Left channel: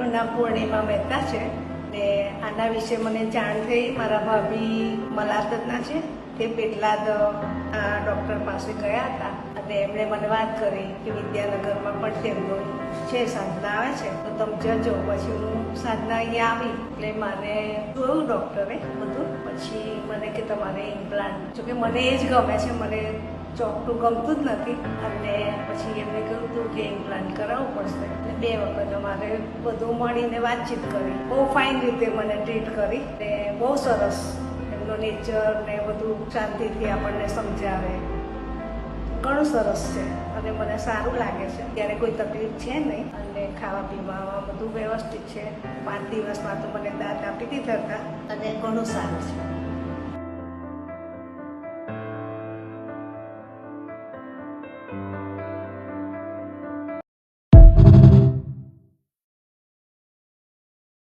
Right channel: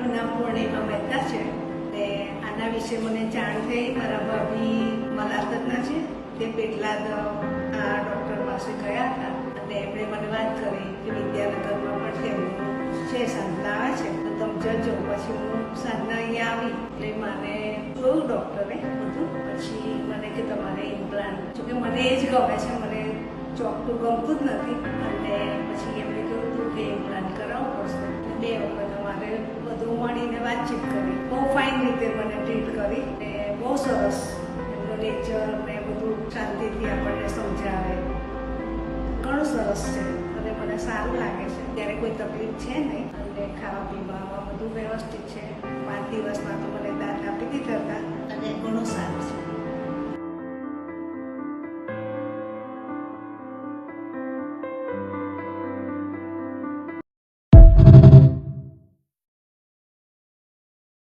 મારું નામ પૂર્ણિમા મહેતા છે ને આના વિશે મને જાણ થઈ મારા ભાભી મલાતના છે તે પેટલાદ આ ડૉક્ટર પાસે ગયા હતા અને એમણે મને વાત કરી કે વિદ્યાનગરમાં પણ તેમનું છે સાધના આવે છે તો તમે જજો. પછી હું સાધના અહીંયા આવી એટલે મને જોયું ડૉક્ટરે બધું. પછી મને કે તમારે ઇમ્પ્લાન્ટ, જોકે મને એ જ ગમે છે, મને ચોકટું ગમતું જ નથી. અને પછી એમને કહ્યું કે ઇમ્પ્લાન્ટ કરાવવું પડશે. 2 વખત અમારે બધું મળીને વાતચીત કરી. બહુ ફાઇન રીતે મને ટ્રીટ કરી ને બહુ સરસ એમનું નેચર ને બધું શાંતિથી આપણને સમજાવે. ઘણું સરસ છે અને મને સારું લાગે છે. ત્યારે કોઈ તકલીફ છે નહીં અને ખાવા પીવામાં બધું વ્યવસ્થિત છે. 5 દિવસમાં તો મને દાંત આપી દીધા હતા અને ઘણું સારું છે.